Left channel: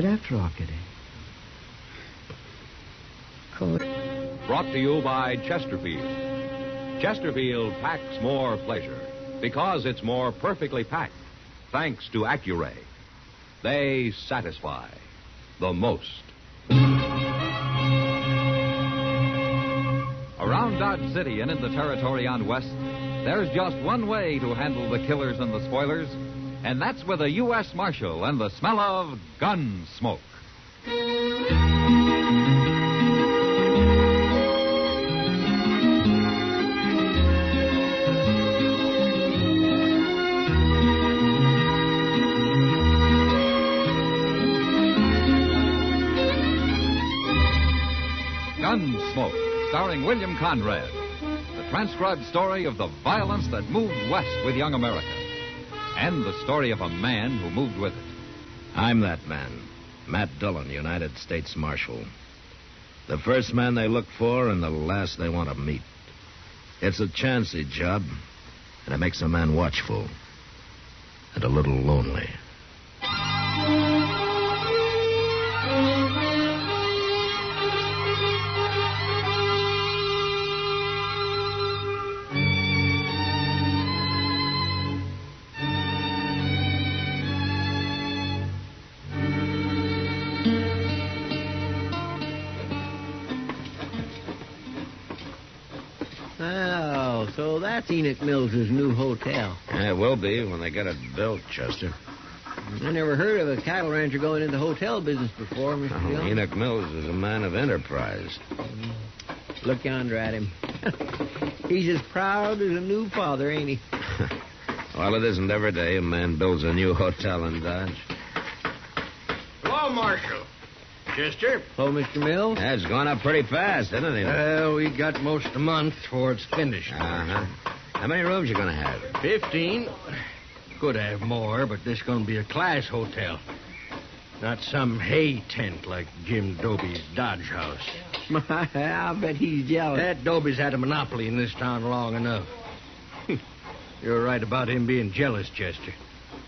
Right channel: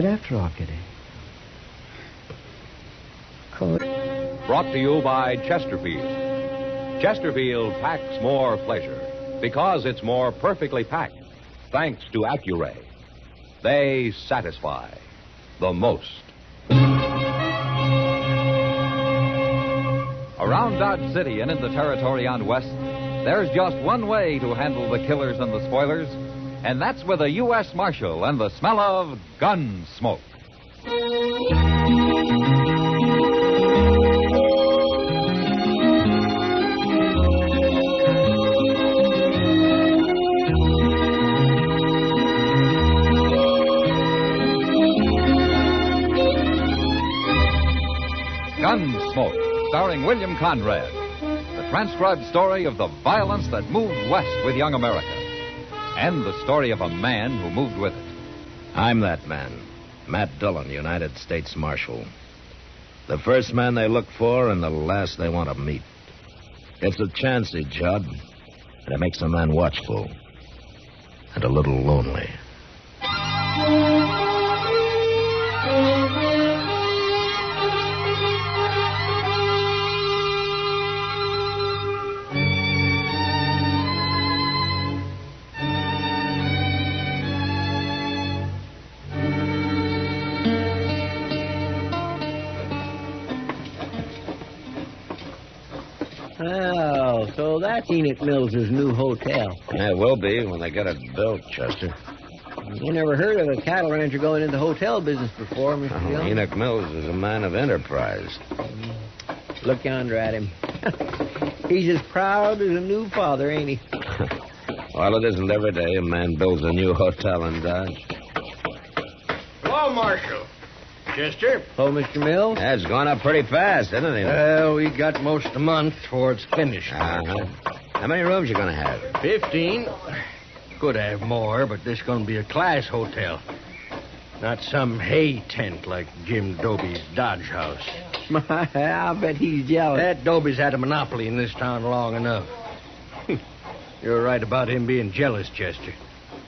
right after all, Kitty. Cold. Brought to you by Chesterfield. Chesterfield packs more pleasure because it's more perfectly packed, thanks to Accuray. They satisfy the most. Around Dodge City and in the territory on West, there's just one way to handle the killers and the spoilers, and that's with a U.S. Marshal and the smell of Gunsmoke. Gunsmoke, starring William Conrad. The transcribed story of the violence that moved west with young America. And the story of a man who moved with it. I'm that man, Matt Dillon, United States Marshal. The first man they look for and the last they want to meet. It's a chancy job, and it makes a man watchful and a little lonely. Oh, so that's Enoch Mills' new hotel. Yeah, it will be when they get it built, Chester. I never heard of a cattle rancher going into hotel business before, Mr. Dillon. Enoch Mills is a man of enterprise. Look yonder at him. He's as proud as a new father, ain't he? Well, it isn't every day a man builds a new hotel in Dodge. Hello, Marshal. Chester? Oh, Mr. Mills? That's gone up pretty fast, isn't it? Well, we got most a month before it's finished. Uh-huh. How many rooms you going to have? 15. Could have more, but this is going to be a class hotel. Not some hay tent like Jim Doby's Dodge house. I'll bet he's jealous. That Doby's had a monopoly in this town long enough. You're right about him being jealous, Chester.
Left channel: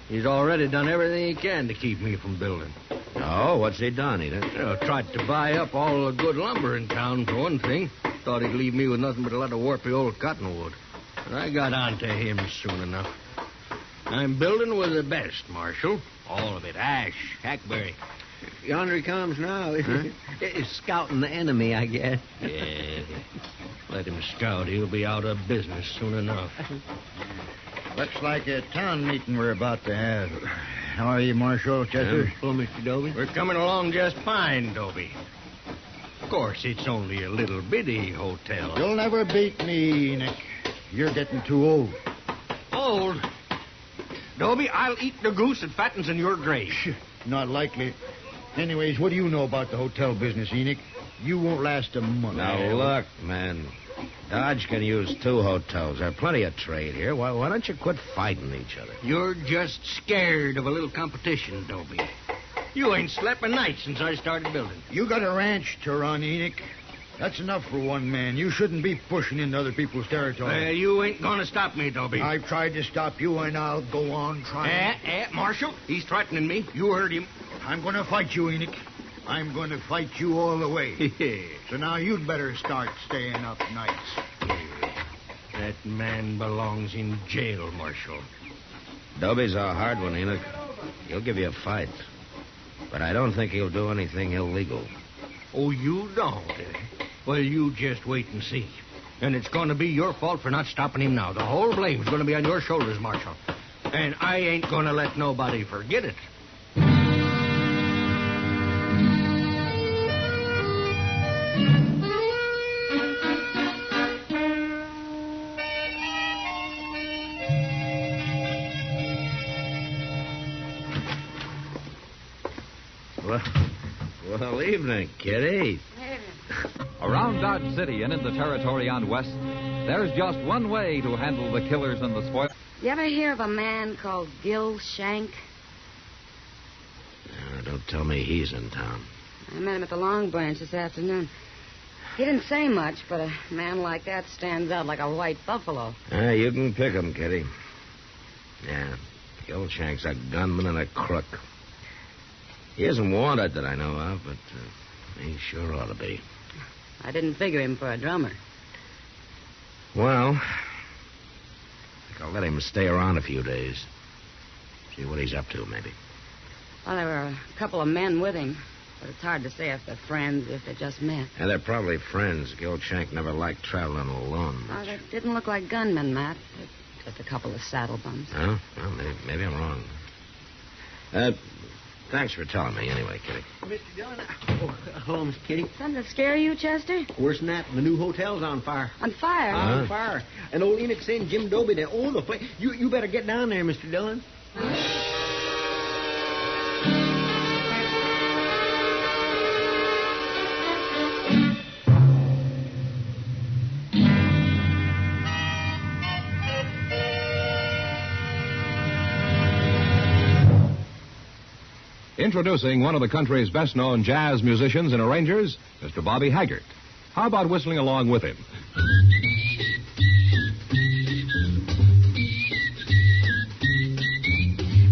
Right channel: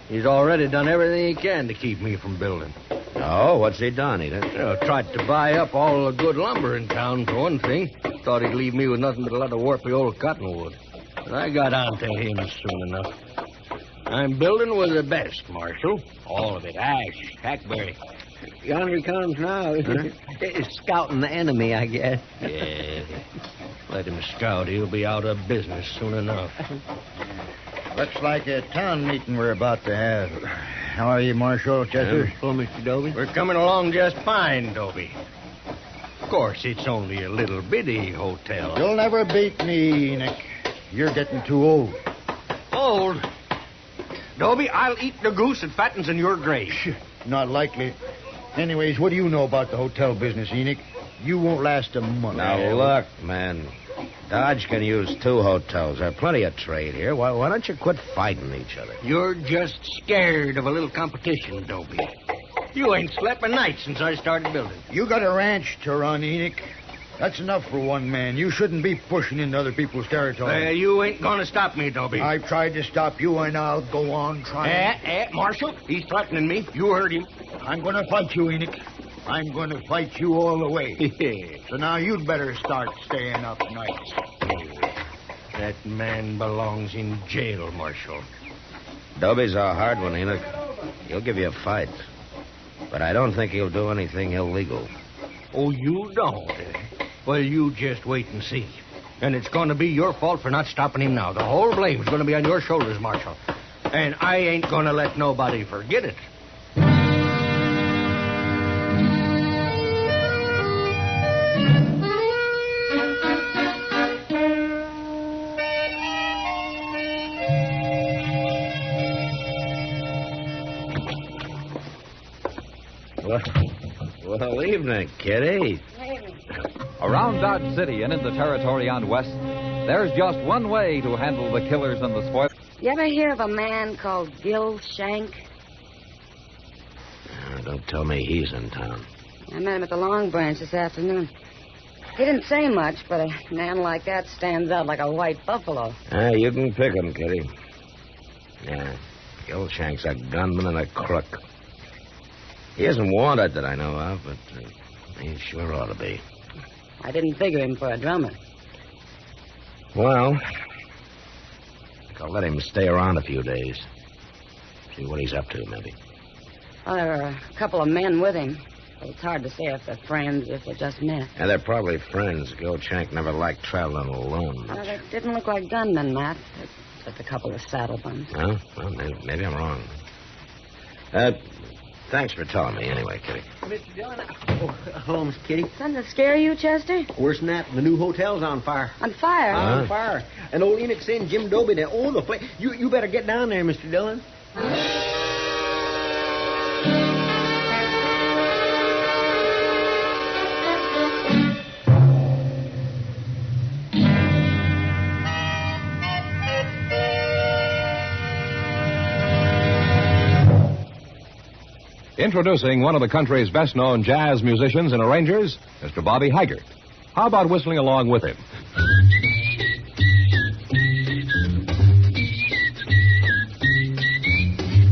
He's already done everything he can to keep me from building. Oh, what's he done, Edith? Tried to buy up all the good lumber in town, for one thing. Thought he'd leave me with nothing but a lot of warpy old cottonwood. But I got on to him soon enough. I'm building with the best, Marshal. All of it. Ash, hackberry. Yonder he comes now. Huh? He's scouting the enemy, I guess. Yeah. Let him scout. He'll be out of business soon enough. Looks like a town meeting we're about to have. How are you, Marshal Chester? Oh, Mr. Doby? We're coming along just fine, Doby. Of course, it's only a little bitty hotel. You'll never beat me, Enoch. You're getting too old. Old? Doby, I'll eat the goose that fattens in your grave. Not likely. Anyways, what do you know about the hotel business, Enoch? You won't last a month. Now, look, man. Dodge can use 2 hotels. There's plenty of trade here. Why don't you quit fighting each other? You're just scared of a little competition, Doby. You ain't slept a night since I started building. You got a ranch to run, Enoch. That's enough for one man. You shouldn't be pushing into other people's territory. You ain't gonna stop me, Doby. I've tried to stop you, and I'll go on trying. Marshal, he's threatening me. You heard him. I'm going to fight you, Enoch. I'm going to fight you all the way. So now you'd better start staying up nights. That man belongs in jail, Marshal. Doby's a hard one, Enoch. He'll give you a fight. But I don't think he'll do anything illegal. Oh, you don't? Well, you just wait and see. And it's going to be your fault for not stopping him now. The whole blame's going to be on your shoulders, Marshal. And I ain't going to let nobody forget it. Well, evening, Kitty. Around Dodge City and in the territory on West, there's just one way to handle the killers and the spoilers. You ever hear of a man called Gil Shank? Don't tell me he's in town. I met him at the Long Branch this afternoon. He didn't say much, but a man like that stands out like a white buffalo. You can pick him, Kitty. Yeah, Gil Shank's a gunman and a crook. He isn't wanted that I know of, but he sure ought to be. I didn't figure him for a drummer. Well, I think I'll let him stay around a few days. See what he's up to, maybe. Well, there were a couple of men with him, but it's hard to say if they're friends or if they just met. Yeah, they're probably friends. The old Shank never liked traveling alone much. They didn't look like gunmen, Matt. Just a couple of saddle bums. Oh, well, maybe I'm wrong. Thanks for telling me anyway, Kitty. Mr. Dillon, hello, Miss Kitty. Doesn't it scare you, Chester? Worse than that, the new hotel's on fire. On fire? On fire. And old Enoch saying Jim Dobie there. Oh, the place. You better get down there, Mr. Dillon. Introducing one of the country's best-known jazz musicians and arrangers, Mr. Bobby Haggart. How about whistling along with him?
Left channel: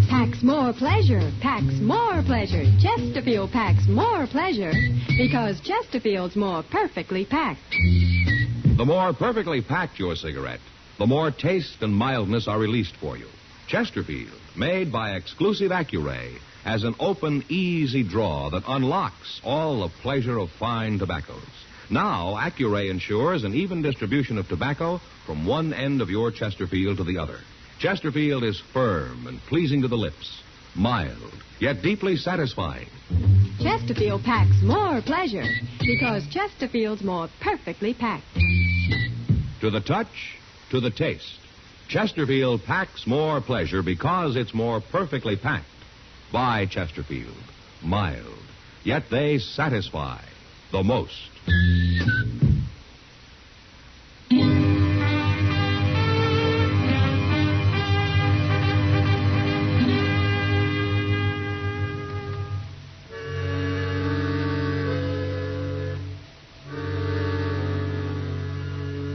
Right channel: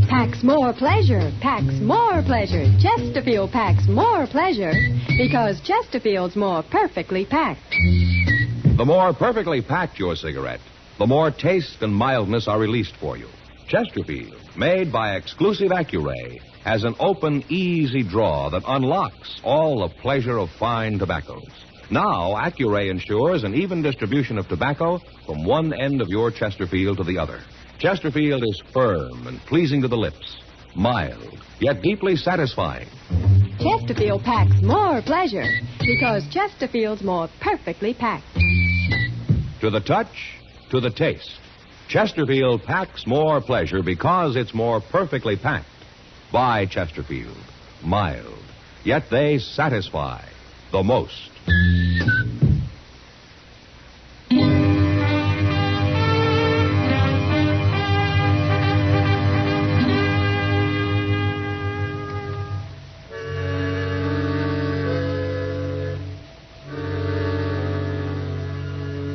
Packs more pleasure, packs more pleasure. Chesterfield packs more pleasure because Chesterfield's more perfectly packed. The more perfectly packed your cigarette, the more taste and mildness are released for you. Chesterfield, made by exclusive Accuray, has an open, easy draw that unlocks all the pleasure of fine tobaccos. Now, Accuray ensures an even distribution of tobacco from one end of your Chesterfield to the other. Chesterfield is firm and pleasing to the lips, mild, yet deeply satisfying. Chesterfield packs more pleasure because Chesterfield's more perfectly packed. To the touch, to the taste, Chesterfield packs more pleasure because it's more perfectly packed. By Chesterfield, mild, yet they satisfy the most.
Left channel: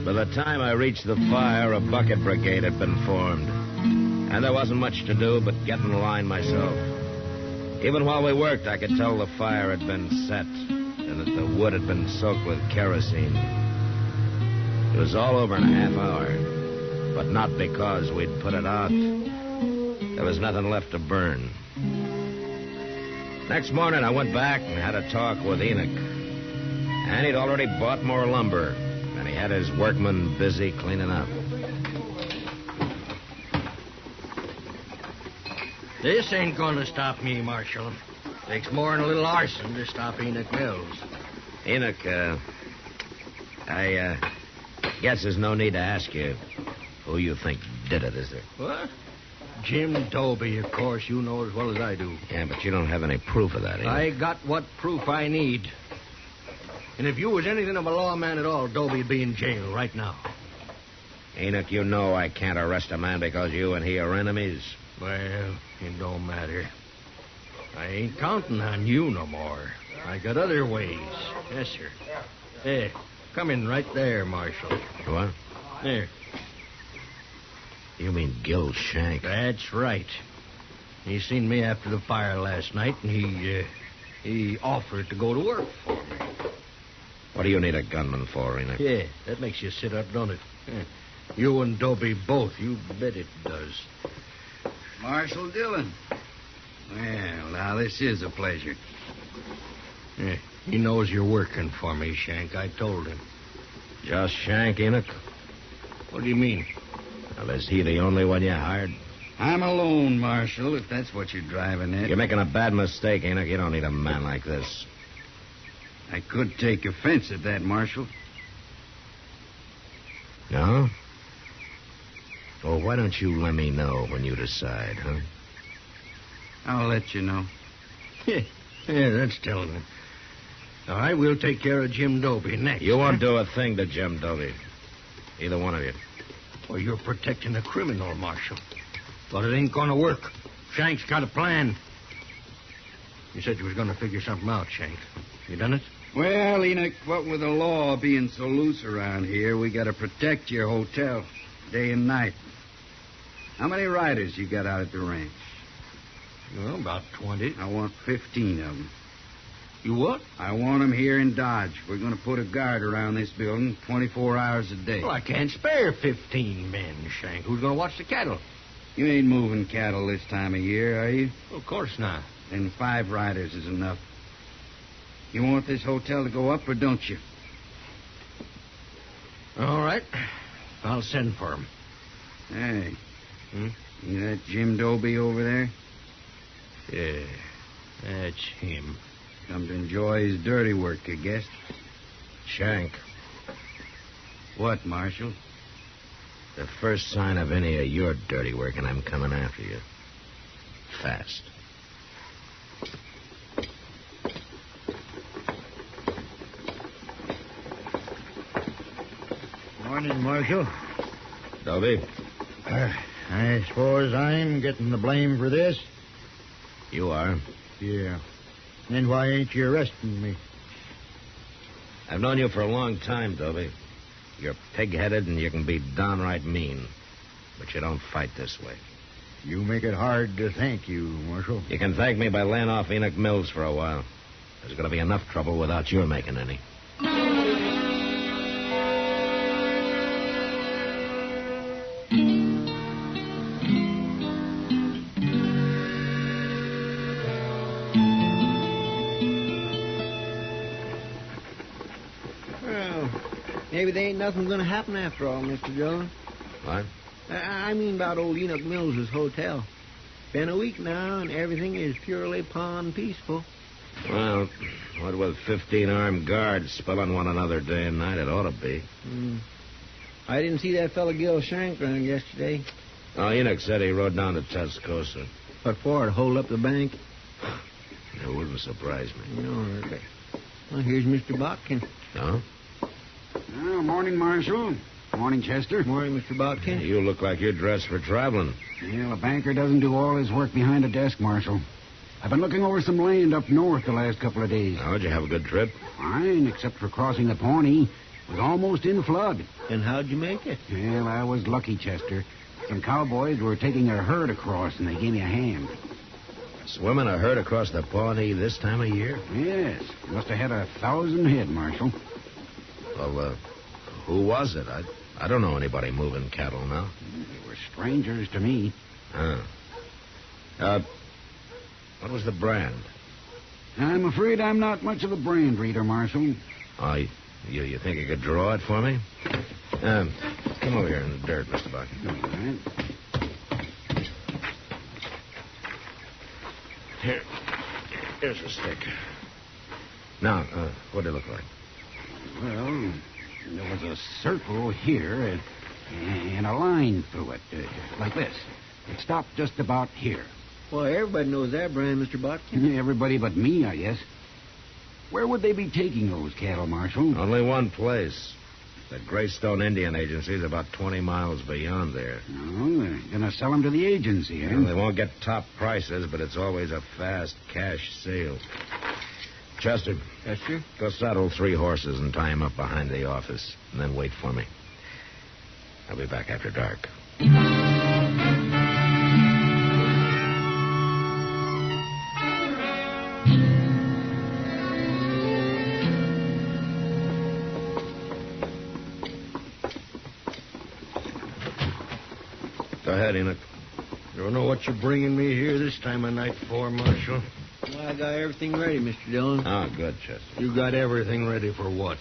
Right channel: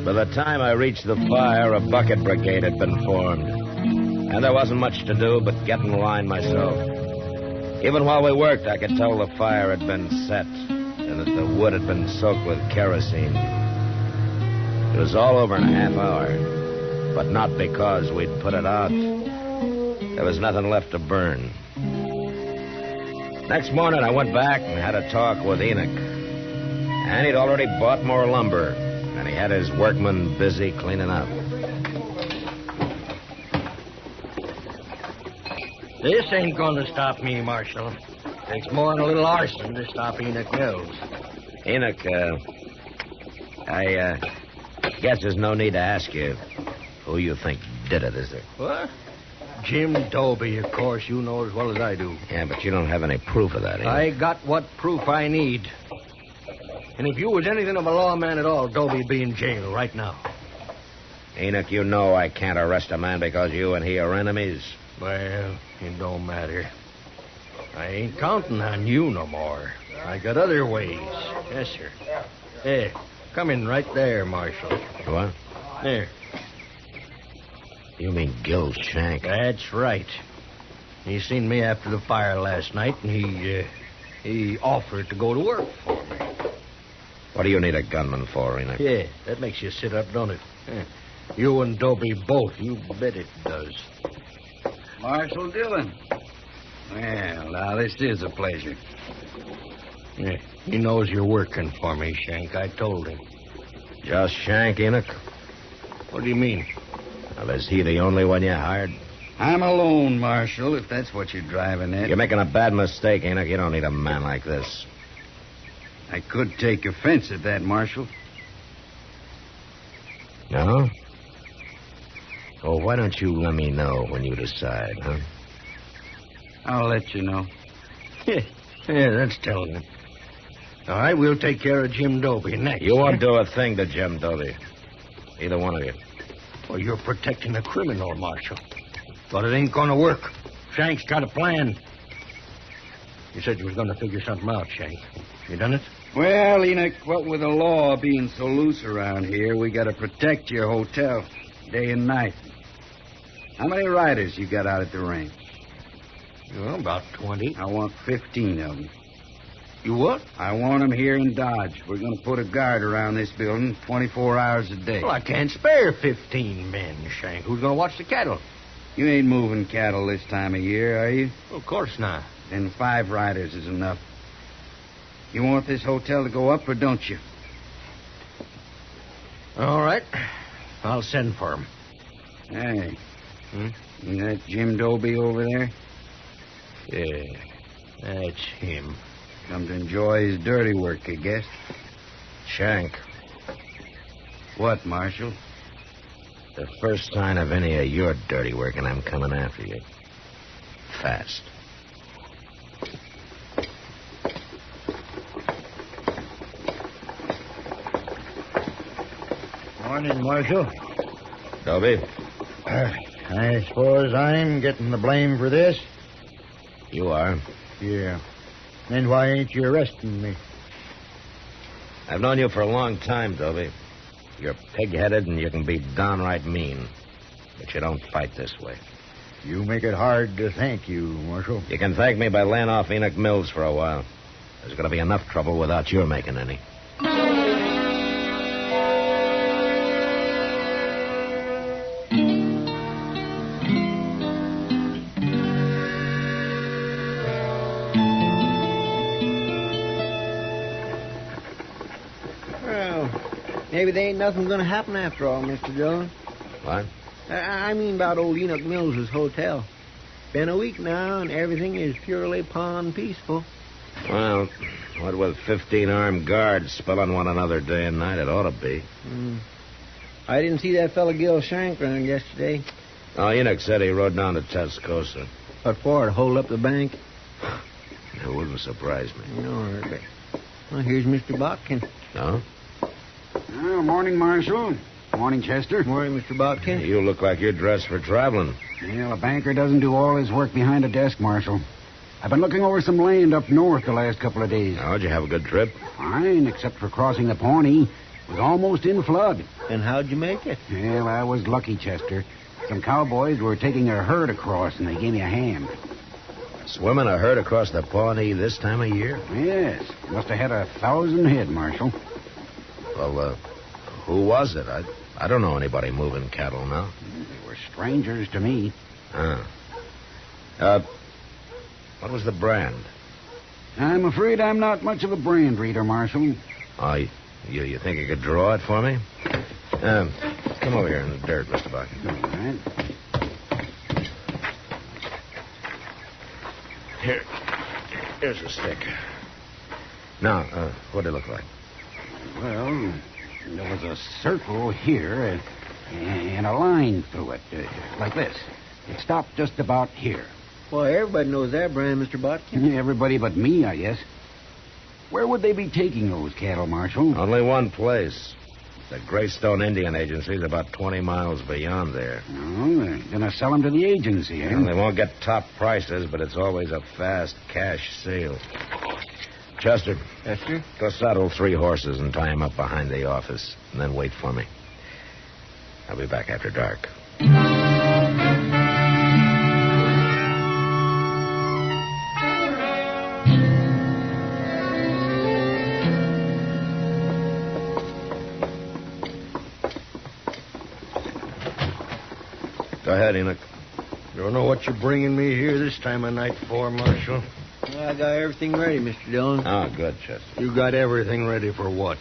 By the time I reached the fire, a bucket brigade had been formed. And there wasn't much to do but get in line myself. Even while we worked, I could tell the fire had been set and that the wood had been soaked with kerosene. It was all over in a half hour, but not because we'd put it out. There was nothing left to burn. Next morning, I went back and had a talk with Enoch. And he'd already bought more lumber, and he had his workmen busy cleaning up. This ain't gonna stop me, Marshal. Takes more than a little arson to stop Enoch Mills. Enoch, I guess there's no need to ask you who you think did it, is there? What? Jim Dobie, of course. You know as well as I do. Yeah, but you don't have any proof of that, Enoch. I got what proof I need. And if you was anything of a lawman at all, Dobie'd be in jail right now. Enoch, you know I can't arrest a man because you and he are enemies. Well, it don't matter. I ain't counting on you no more. I got other ways. Yes, sir. Hey, come in right there, Marshal. What? There. You mean Gil Shank? That's right. He seen me after the fire last night, and he offered to go to work for me. What do you need a gunman for, Enoch? Yeah, that makes you sit up, don't it? Yeah. You and Dobie both. You bet it does. Marshal Dillon. Well, now, this is a pleasure. Yeah, he knows you're working for me, Shank. I told him. Just Shank, Enoch? What do you mean? Well, is he the only one you hired? I'm alone, Marshal, if that's what you're driving at. You're making a bad mistake, Enoch. You don't need a man like this. I could take offense at that, Marshal. No? Well, why don't you let me know when you decide, huh? I'll let you know. Yeah, that's telling him. All right, we'll take care of Jim Dobie next. You won't do a thing to Jim Dobie. Either one of you. Well, you're protecting a criminal, Marshal. But it ain't gonna work. Shank's got a plan. You said you was gonna figure something out, Shank. You done it? Well, Enoch, what with the law being so loose around here, we gotta protect your hotel day and night. How many riders you got out at the ranch? Well, about 20. I want 15 of them. You what? I want them here in Dodge. We're going to put a guard around this building 24 hours a day. Well, I can't spare 15 men, Shank. Who's going to watch the cattle? You ain't moving cattle this time of year, are you? Well, of course not. Then 5 riders is enough. You want this hotel to go up, or don't you? All right. I'll send for him. Hey. You that Jim Doby over there? Yeah, that's him. Come to enjoy his dirty work, I guess. Shank, What, Marshal? the first sign of any of your dirty work, and I'm coming after you. Fast. Morning, Marshal. Doby, I suppose I'm getting the blame for this? you are. Yeah. Then why ain't you arresting me? I've known you for a long time, Doby. You're pig-headed and you can be downright mean. But you don't fight this way. You make it hard to thank you, Marshal. You can thank me by laying off Enoch Mills for a while. There's going to be enough trouble without your making any. Well, maybe there ain't nothing going to happen after all, Mr. Dillon. What? I mean about old Enoch Mills's hotel. Been a week now, and everything is purely pond peaceful. Well, what with 15 armed guards spilling one another day and night, it ought to be. I didn't see that fella Gil Shank around yesterday. Oh, Enoch said he rode down to Tascosa. What for? To hold up the bank? It wouldn't surprise me. No, hardly. Well, here's Mr. Botkin. No? Well, morning, Marshal. Morning, Chester. Morning, Mr. Botkin. You look like you're dressed for traveling. Well, a banker doesn't do all his work behind a desk, Marshal. I've been looking over some land up north the last couple of days. How'd you have a good trip? Fine, except for crossing the Pawnee. It was almost in flood. And how'd you make it? Well, I was lucky, Chester. Some cowboys were taking a herd across, and they gave me a hand. Swimming a herd across the Pawnee this time of year? Yes, must have had 1,000 head, Marshal. Well, who was it? I don't know anybody moving cattle now. They were strangers to me. What was the brand? I'm afraid I'm not much of a brand reader, Marshal. Oh, you think you could draw it for me? Come over here in the dirt, Mr. Bucky. All right. Here's a stick. Now, what'd it look like? Well, there was a circle here and a line through it, like this. It stopped just about here. Well, everybody knows that brand, Mr. Botkin. Everybody but me, I guess. Where would they be taking those cattle, Marshal? Only one place. The Greystone Indian Agency is about 20 miles beyond there. Oh, they're going to sell them to the agency, eh? Well, they won't get top prices, but it's always a fast cash sale. Chester. Yes, sir? Go saddle 3 horses and tie them up behind the office, and then wait for me. I'll be back after dark. Go ahead, Enoch. Don't know what you're bringing me here this time of night for, Marshal. Well, I got everything ready, Mr. Dillon. Oh, good, Chester. You got everything ready for what?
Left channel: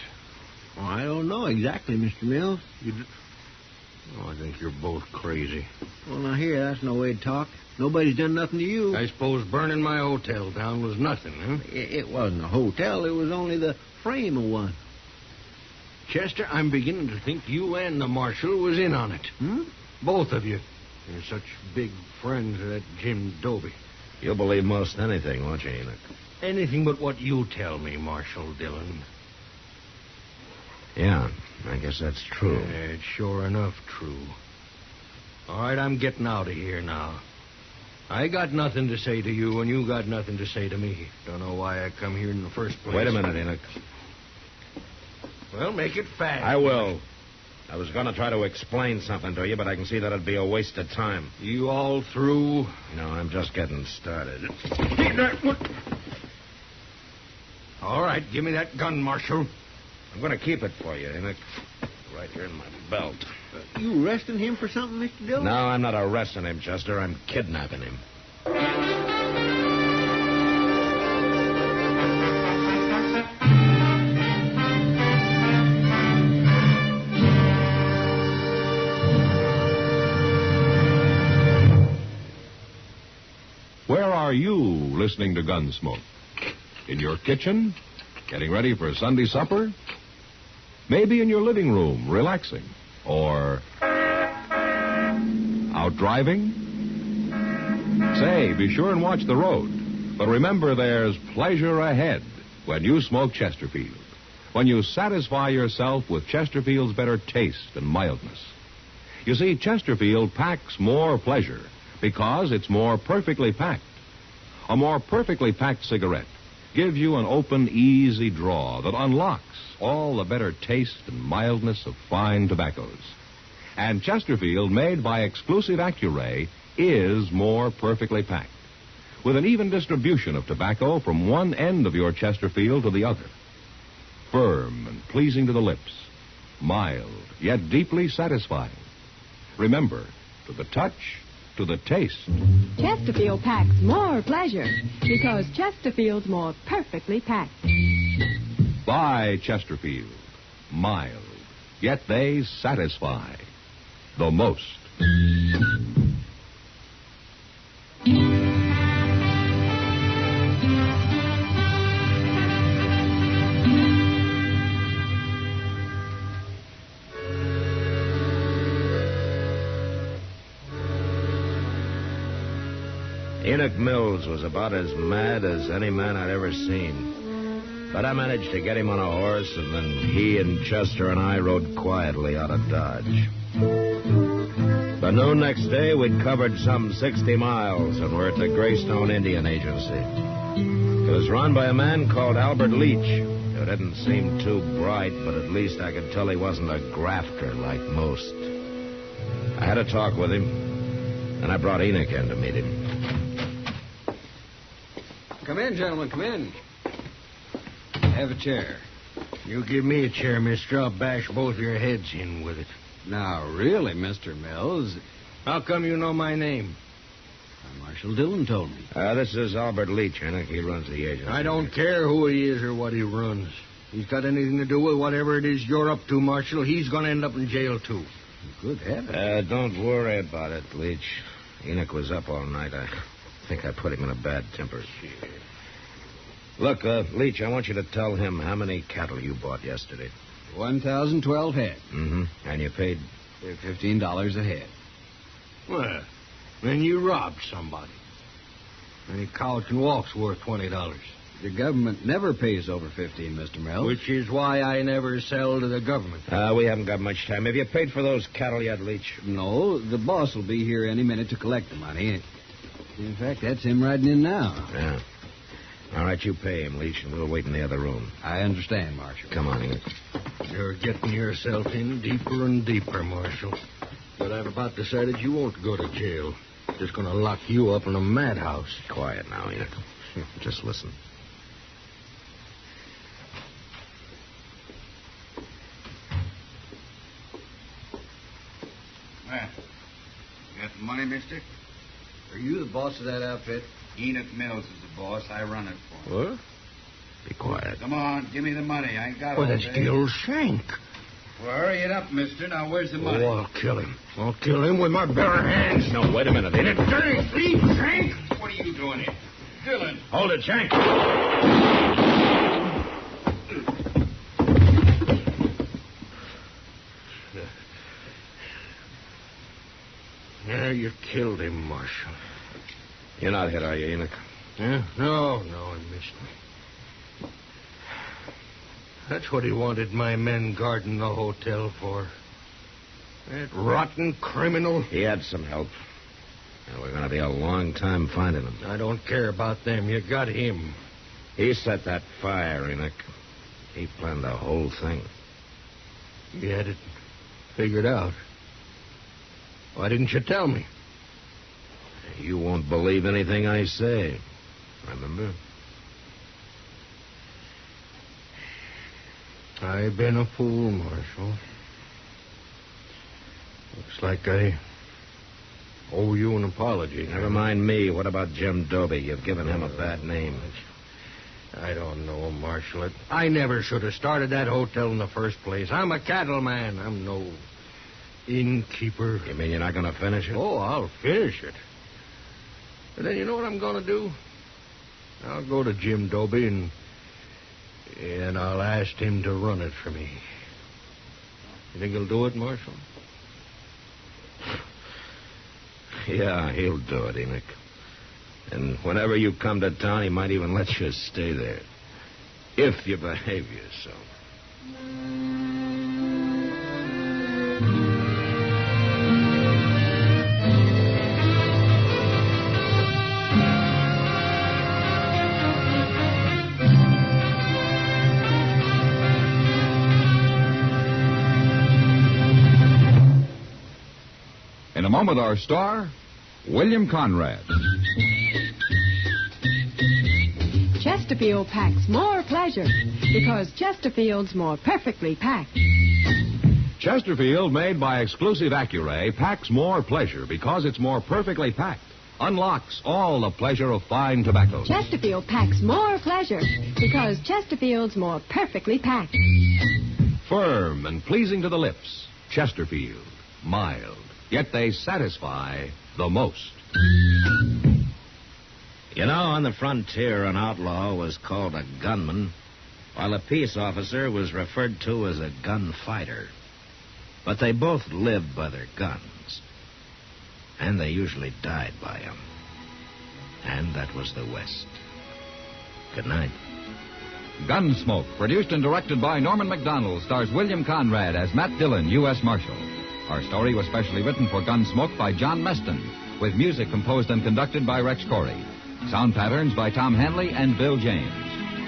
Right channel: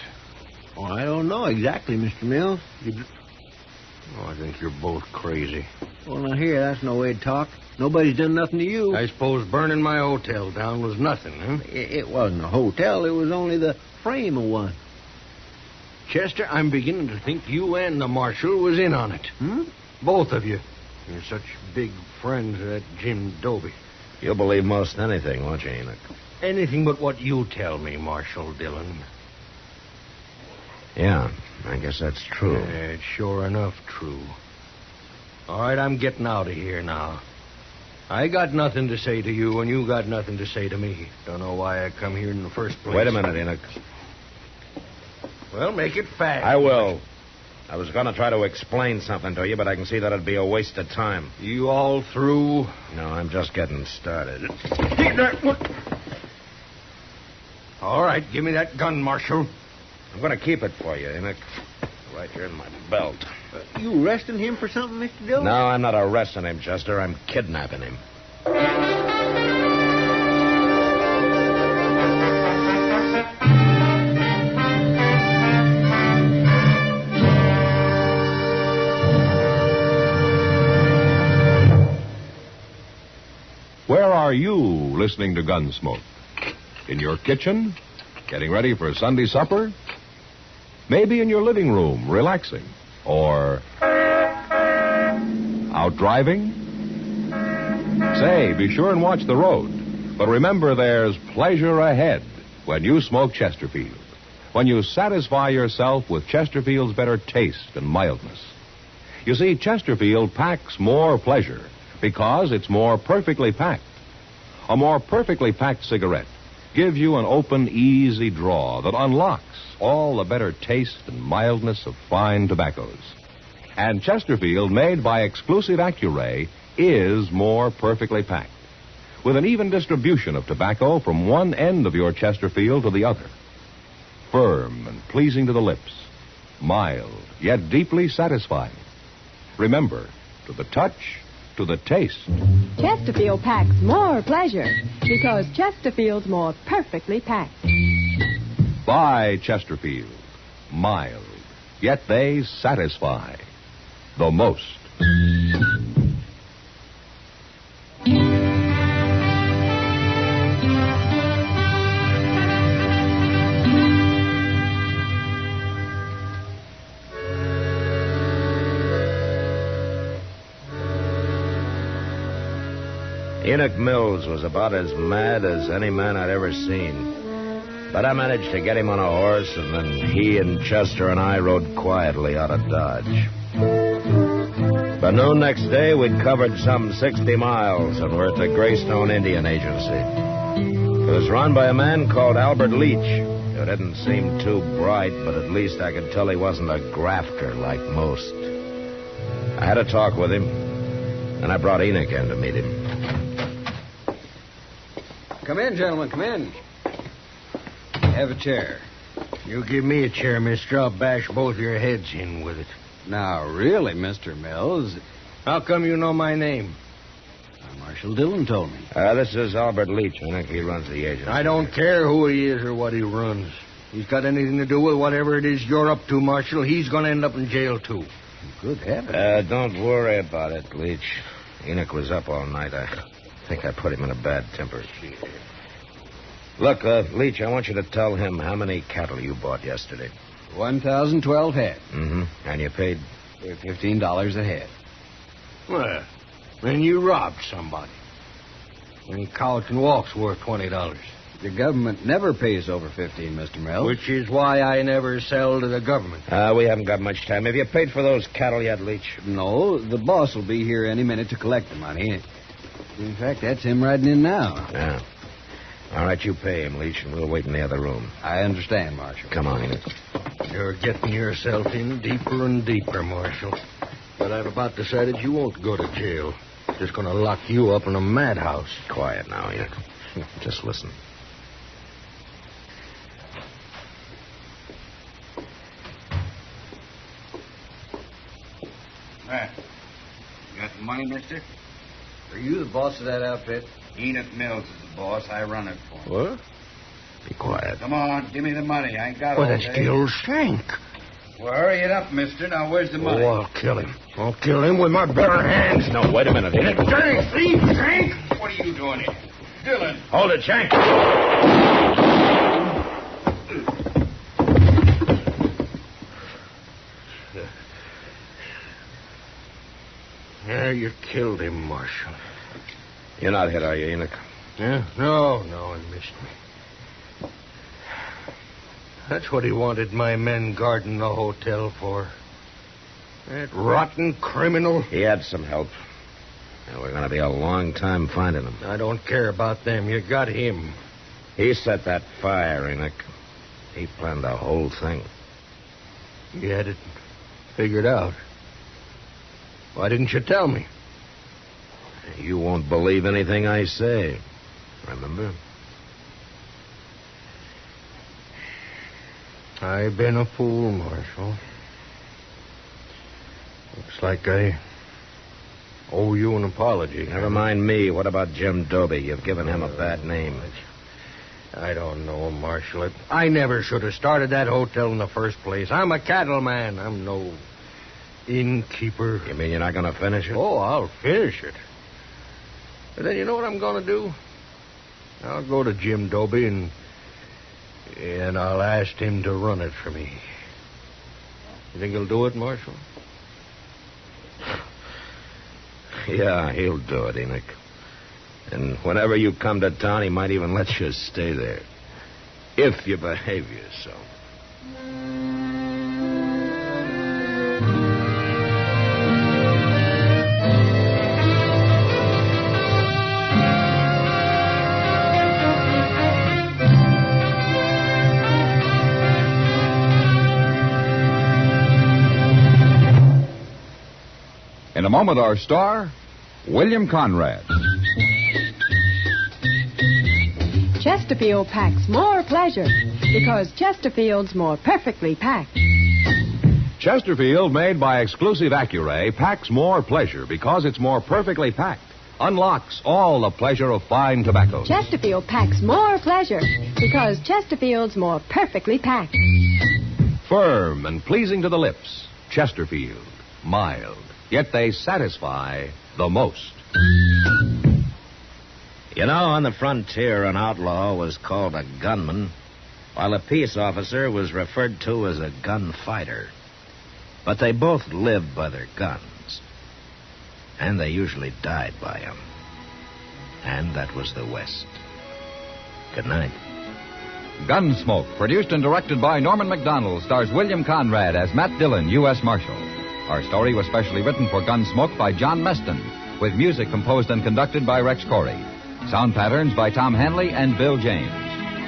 Oh, I don't know exactly, Mr. Mills. Oh, I think you're both crazy. Well, now, here, that's no way to talk. Nobody's done nothing to you. I suppose burning my hotel down was nothing, huh? It wasn't a hotel. It was only the frame of one. Chester, I'm beginning to think you and the Marshal was in on it. Both of you. You're such big friends of that Jim Doby. You'll believe most anything, won't you, Enoch? Anything but what you tell me, Marshal Dillon. Yeah, I guess that's true. Yeah, it's sure enough true. All right, I'm getting out of here now. I got nothing to say to you, and you got nothing to say to me. Don't know why I come here in the first place. Wait a minute, Enoch. Well, make it fast. I will. I was going to try to explain something to you, but I can see that it'd be a waste of time. You all through? No, I'm just getting started. All right, give me that gun, Marshal. I'm going to keep it for you, Enoch. Right here in my belt. You arresting him for something, Mr. Dillon? No, I'm not arresting him, Chester. I'm kidnapping him. Where are you listening to Gunsmoke? In your kitchen? Getting ready for Sunday supper? Maybe in your living room, relaxing? Or out driving? Say, be sure and watch the road. But remember, there's pleasure ahead when you smoke Chesterfield. When you satisfy yourself with Chesterfield's better taste and mildness. You see, Chesterfield packs more pleasure because it's more perfectly packed. A more perfectly packed cigarette gives you an open, easy draw that unlocks all the better taste and mildness of fine tobaccos. And Chesterfield, made by exclusive Accuray, is more perfectly packed, with an even distribution of tobacco from one end of your Chesterfield to the other. Firm and pleasing to the lips, mild, yet deeply satisfying. Remember, to the touch, to the taste. Chesterfield packs more pleasure because Chesterfield's more perfectly packed. Buy Chesterfield. Mild, yet they satisfy the most. Enoch Mills was about as mad as any man I'd ever seen. But I managed to get him on a horse, and then he and Chester and I rode quietly out of Dodge. By noon next day, we'd covered some 60 miles and were at the Greystone Indian Agency. It was run by a man called Albert Leach, who didn't seem too bright, but at least I could tell he wasn't a grafter like most. I had a talk with him, and I brought Enoch in to meet him. Come in, gentlemen, come in. Have a chair. You give me a chair, mister. I'll bash both your heads in with it. Now, really, Mr. Mills. How come you know my name? Marshal Dillon told me. This is Albert Leach, Enoch. He runs the agency. I don't care who he is or what he runs. He's got anything to do with whatever it is you're up to, Marshal. He's going to end up in jail, too. Good heavens. Don't worry about it, Leach. Enoch was up all night. I think I put him in a bad temper. Look, Leach, I want you to tell him how many cattle you bought yesterday. 1,012 head. Mm-hmm. And you paid? $15 a head. Well, then you robbed somebody. Any cow that can walk's worth $20. The government never pays over 15, Mr. Mills. Which is why I never sell to the government. We haven't got much time. Have you paid for those cattle yet, Leach? No, the boss will be here any minute to collect the money. In fact, that's him riding in now. Yeah. All right, you pay him, Leach, and we'll wait in the other room. I understand, Marshal. Come on, Enoch. You're getting yourself in deeper and deeper, Marshal. But I've about decided you won't go to jail. Just going to lock you up in a madhouse. Quiet now, Enoch. Just listen. Well, you got the money, mister? Are you the boss of that outfit? Enoch Mills is the boss. I run it for him. What? Be quiet. Come on, give me the money. I ain't got Well, all that's day. Gil Shank. Well, hurry it up, mister. Now, where's the money? Oh, I'll kill him. I'll kill him with my bare hands. No, wait a minute, Enoch. Dirty thief, Shank! What are you doing here? Dillon. Hold it, Shank. Yeah, you killed him, Marshal. You're not hit, are you, Enoch? Yeah? No, he missed me. That's what he wanted my men guarding the hotel for. That rotten criminal. He had some help. And we're going to be a long time finding him. I don't care about them. You got him. He set that fire, Enoch. He planned the whole thing. He had it figured out. Why didn't you tell me? You won't believe anything I say. Remember? I've been a fool, Marshal. Looks like I owe you an apology. Never mind me. What about Jim Doby? You've given him a bad name. I don't know, Marshal. I never should have started that hotel in the first place. I'm a cattleman. I'm no innkeeper. You mean you're not going to finish it? Oh, I'll finish it. But then you know what I'm going to do? I'll go to Jim Doby and I'll ask him to run it for me. You think he'll do it, Marshal? Yeah, he'll do it, Enoch. And whenever you come to town, he might even let you stay there. If you behave yourself. In a moment, our star, William Conrad. Chesterfield packs more pleasure because Chesterfield's more perfectly packed. Chesterfield, made by exclusive Accuray, packs more pleasure because it's more perfectly packed. Unlocks all the pleasure of fine tobacco. Chesterfield packs more pleasure because Chesterfield's more perfectly packed. Firm and pleasing to the lips. Chesterfield. Mild. Yet they satisfy the most. You know, on the frontier, an outlaw was called a gunman, while a peace officer was referred to as a gunfighter. But they both lived by their guns, and they usually died by them. And that was the West. Good night. Gunsmoke, produced and directed by Norman Macdonnell, stars William Conrad as Matt Dillon, U.S. Marshal. Our story was specially written for Gunsmoke by John Meston, with music composed and conducted by Rex Corey. Sound patterns by Tom Hanley and Bill James.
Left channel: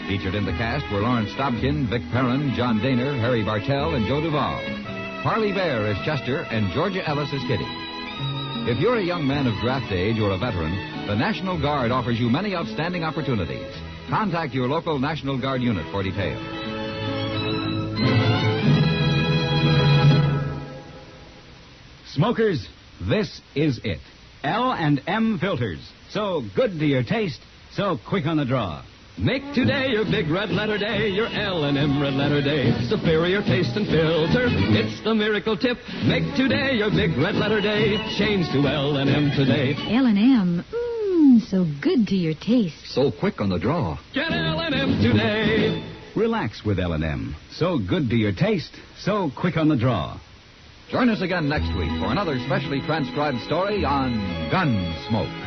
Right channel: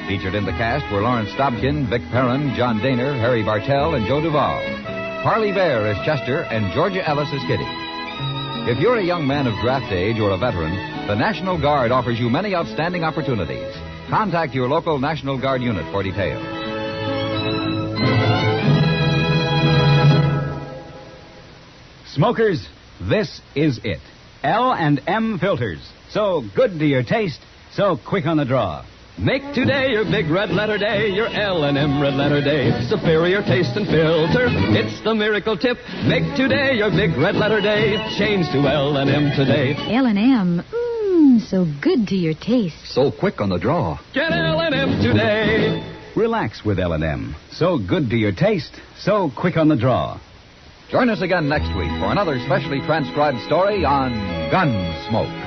Featured in the cast were Lawrence Stobkin, Vic Perrin, John Daner, Harry Bartell, and Joe Duvall. Parley Bear as Chester, and Georgia Ellis as Kitty. If you're a young man of draft age or a veteran, the National Guard offers you many outstanding opportunities. Contact your local National Guard unit for details. Smokers, this is it. L&M filters. So good to your taste, so quick on the draw. Make today your big red letter day, your L&M red letter day. Superior taste and filter, it's the miracle tip. Make today your big red letter day. Change to L&M today. L&M, so good to your taste. So quick on the draw. Get L&M today. Relax with L&M. So good to your taste, so quick on the draw. Join us again next week for another specially transcribed story on Gunsmoke.